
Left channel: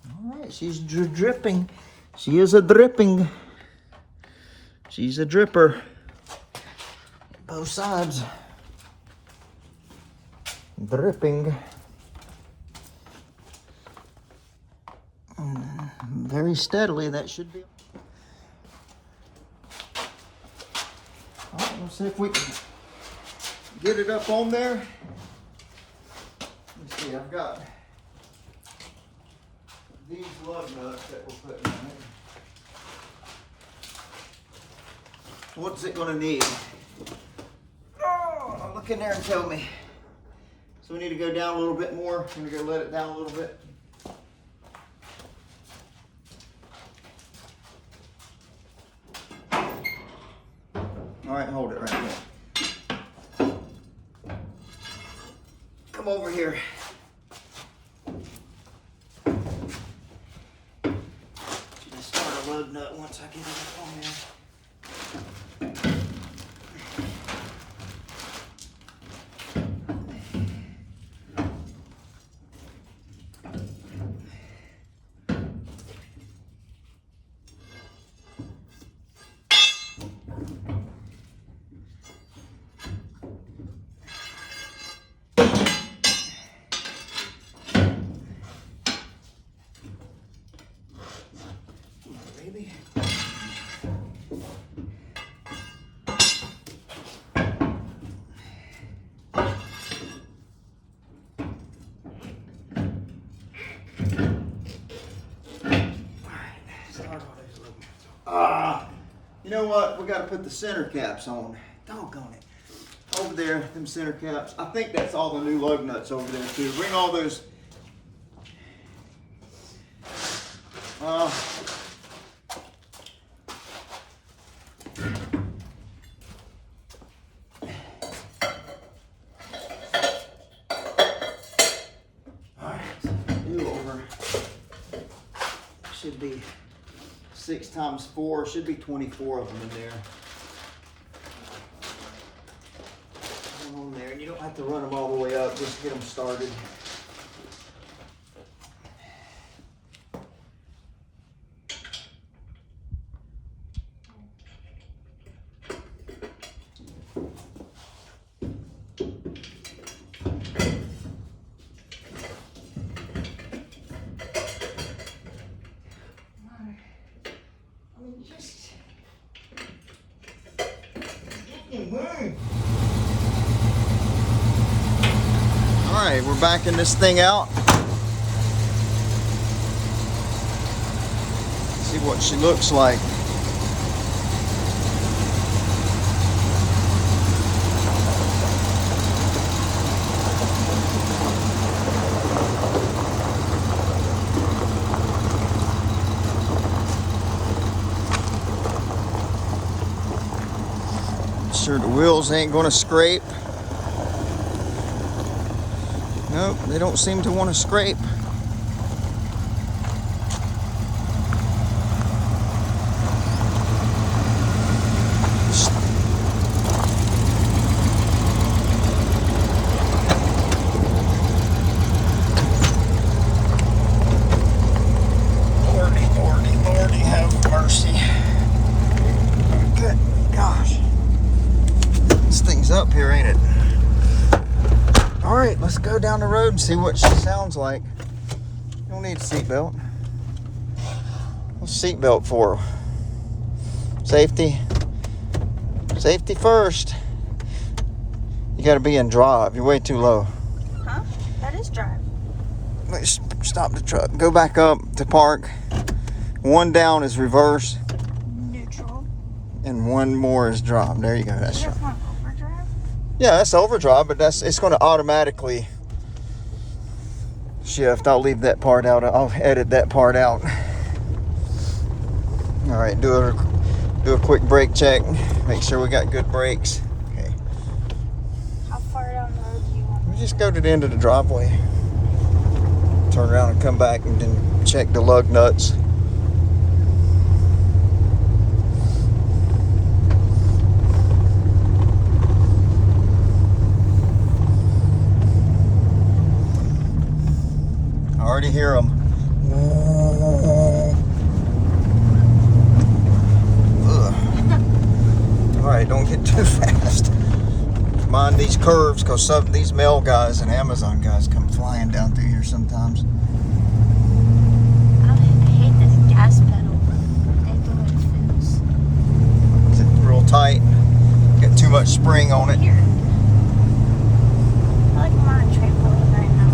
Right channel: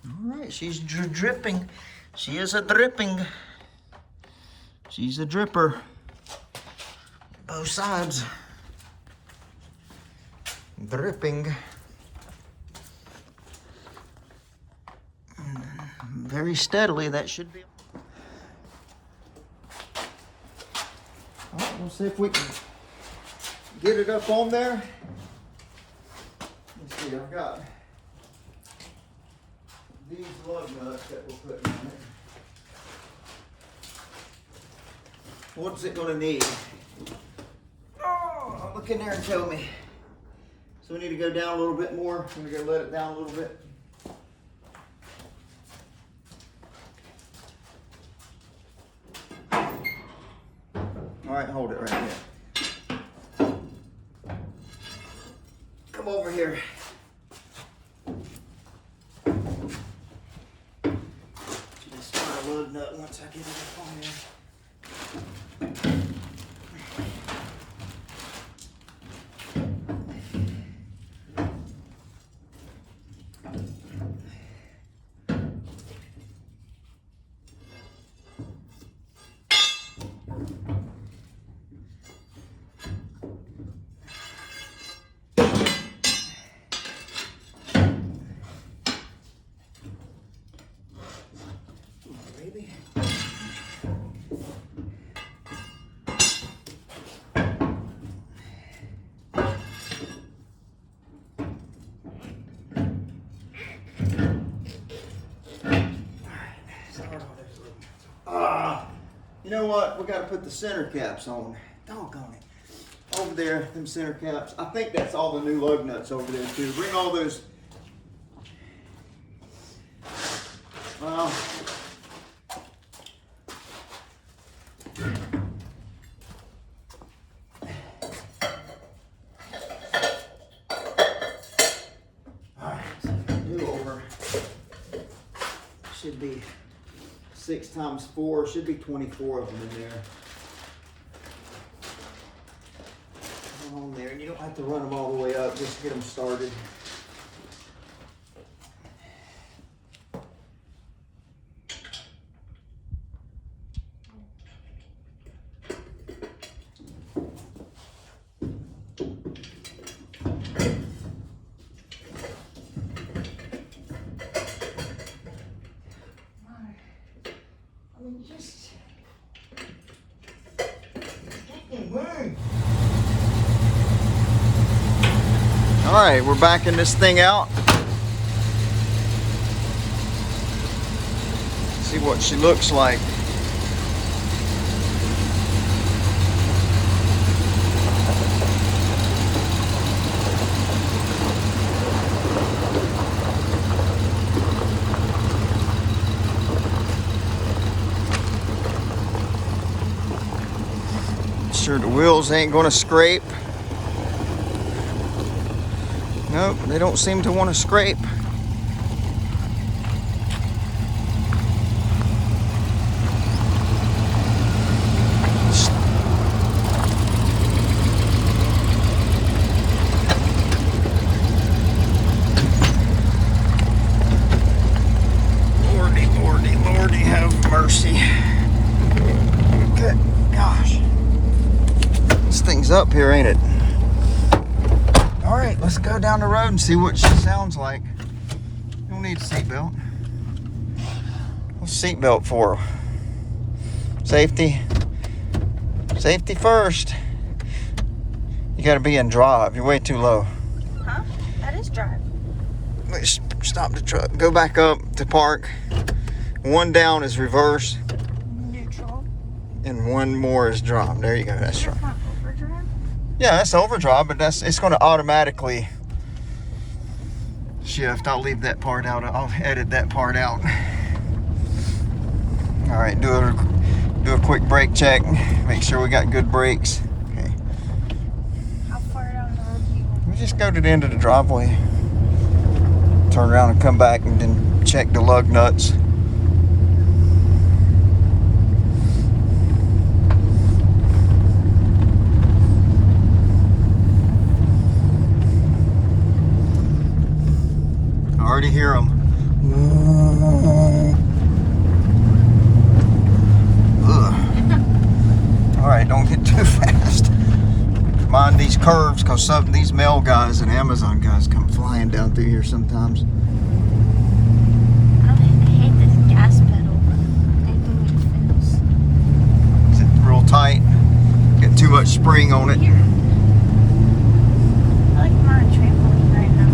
all right, she's dripping. She is a dripping. She's a dripper. Both sides. Dripping. Very steadily, that should be. All right, we'll see if we can get it up on there. Let's see, I've got these lug nuts that we're putting in it. What's it gonna need? Oh, look in there and tell me. So we need to go down a little bit more. I'm gonna go let it down a little bit. All right, hold it right there. Come over here. Just start a lug nut once I get it up on there. Baby. You know what? We got to put the center caps on. Doggone it. Over there, them center caps. I think that's all the new lug nuts over there too. Bring all those. Well. Alright, so do over. Should be 6 times 4, should be 24 of them in there. Put them on there, and you don't have to run them all the way up, just get them started. All right, we're backing this thing out. See what she looks like. Sure the wheels ain't gonna scrape. Nope, they don't seem to want to scrape. Lordy, Lordy, Lordy, have mercy. Good gosh. This thing's up here, ain't it? All right, let's go down the road and see what she sounds like. You don't need a seatbelt. What's a seatbelt for? Safety. Safety first. You gotta be in drive. You're way too low. Huh? That is drive. Wait, stop the truck. Go back up to park. One down is reverse. Neutral. And one more is drive. There you go. That's That's right. not overdrive? Yeah, that's overdrive, but it's going to automatically shift. I'll leave that part out. I'll edit that part out. All right, do a quick brake check. Make sure we got good brakes. Okay. How far down the road do you want? We just go to the end of the driveway. Turn around and come back and then check the lug nuts. I already hear them. All right, don't get too fast. Mind these curves, because some of these mail guys and Amazon guys come flying down through here sometimes. I hate this gas pedal. They do it fast. Is it real tight? Got too much spring on it. Here. I like we're on a trampoline right now.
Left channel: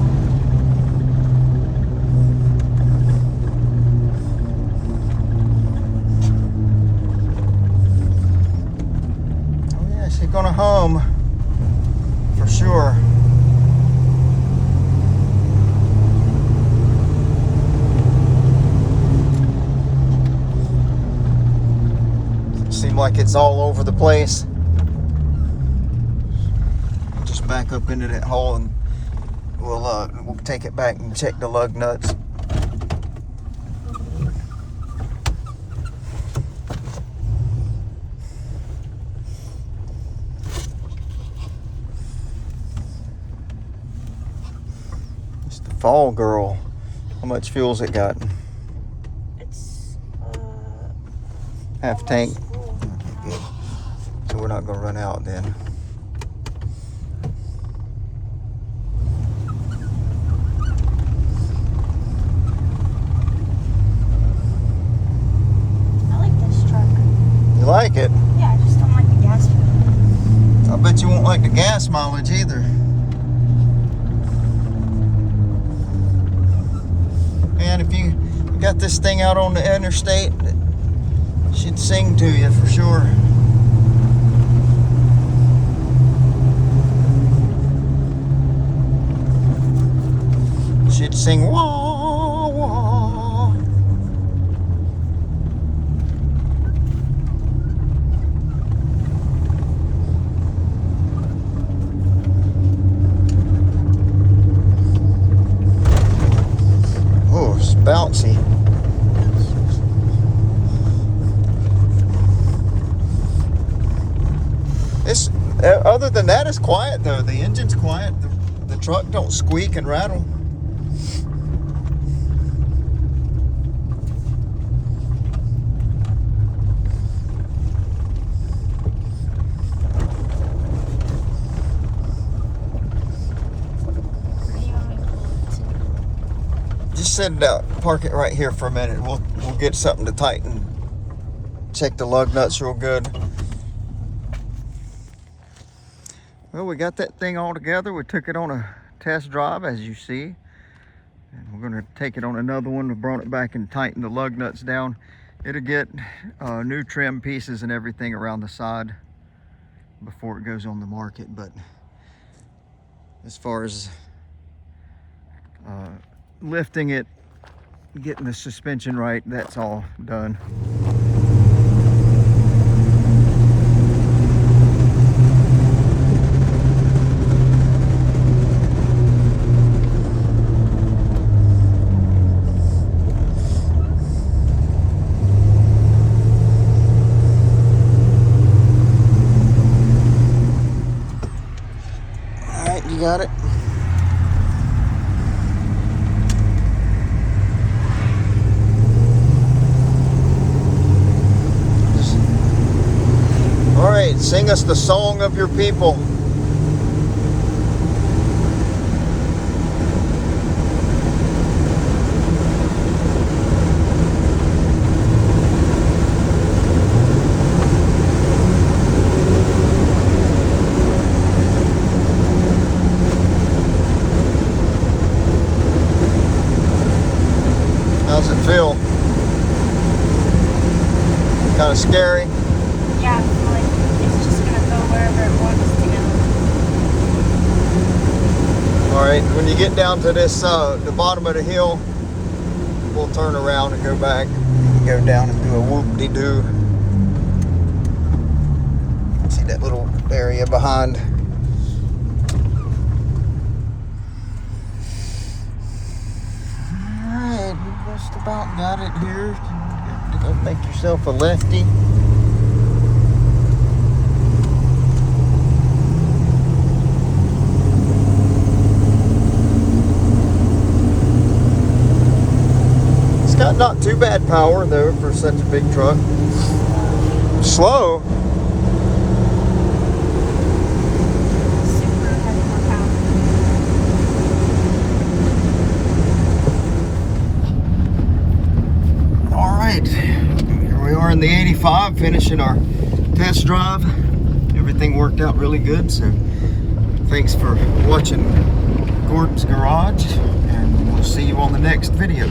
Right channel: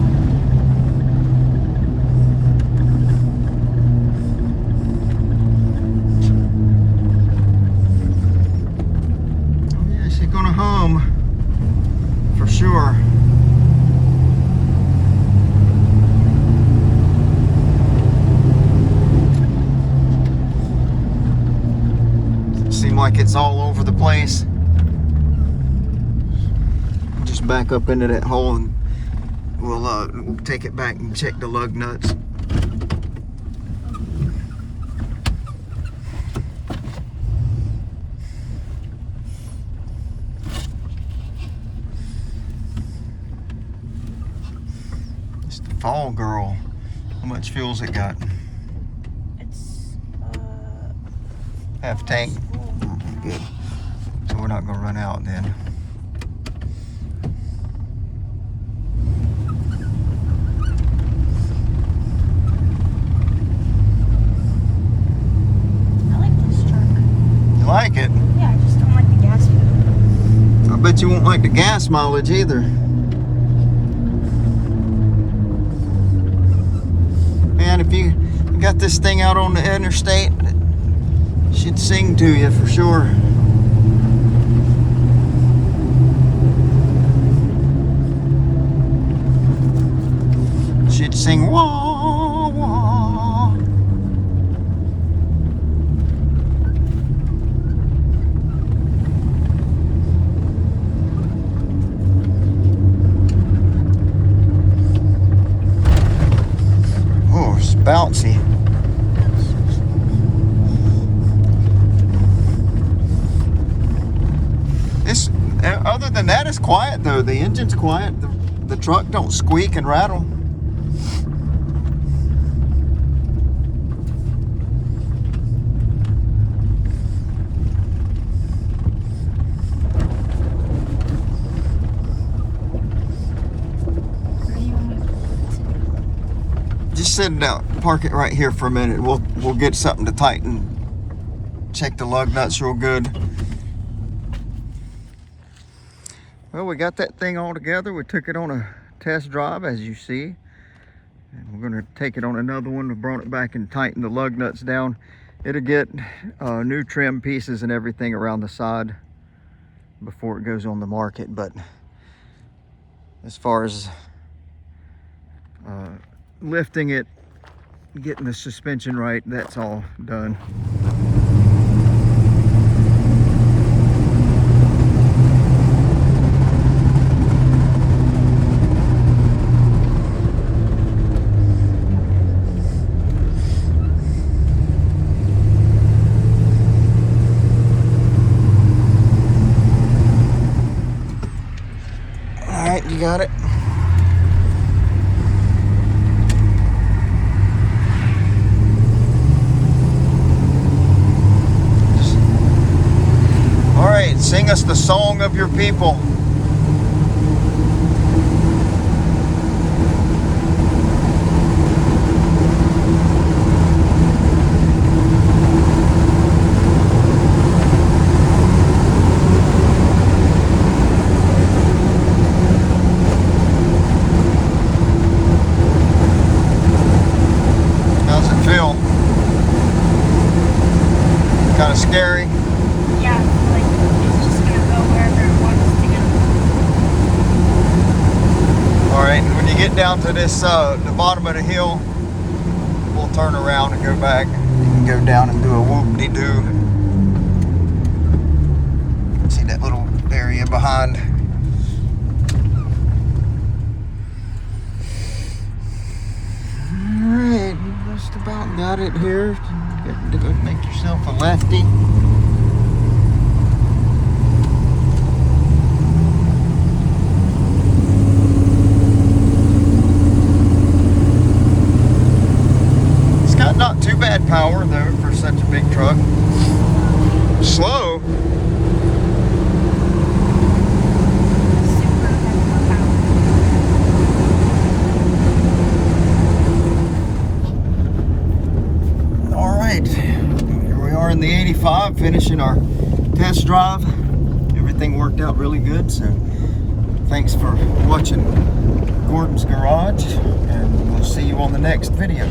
Oh yeah, she's gonna hum for sure. Seem like it's all over the place. Just back up into that hole and we'll take it back and check the lug nuts. It's the Fall Girl. How much fuel's it got? It's Half tank. Okay, good. So we're not gonna run out then. I like this truck. You like it? Yeah, I just don't like the gas pedal. I bet you won't like the gas mileage either. Man, if you got this thing out on the interstate, it should sing to you for sure. Should sing wah wah. Oh, it's bouncy. It's other than that, it's quiet though. The engine's quiet. The truck don't squeak and rattle. Where do you want me to Just sit it out. Park it right here for a minute. We'll get something to tighten. Check the lug nuts real good. Well, we got that thing all together. We took it on a test drive, as you see. And we're going to take it on another one. We brought it back and tightened the lug nuts down. It'll get new trim pieces and everything around the side before it goes on the market. But as far as lifting it, getting the suspension right, that's all done. All right, you got it. All right, sing us the song of your people. scary? Yeah, like it's just gonna go wherever it wants to go. All right, when you get down to this, the bottom of the hill, we'll turn around and go back. You can go down and do a whoop-de-doo. See that little area behind. All right, just about got it here. Go make yourself a lefty. It's got not too bad power though for such a big truck. Slow. All right, here we are in the 85, finishing our test drive. Everything worked out really good, so thanks for watching Gordon's Garage, and we'll see you on the next video.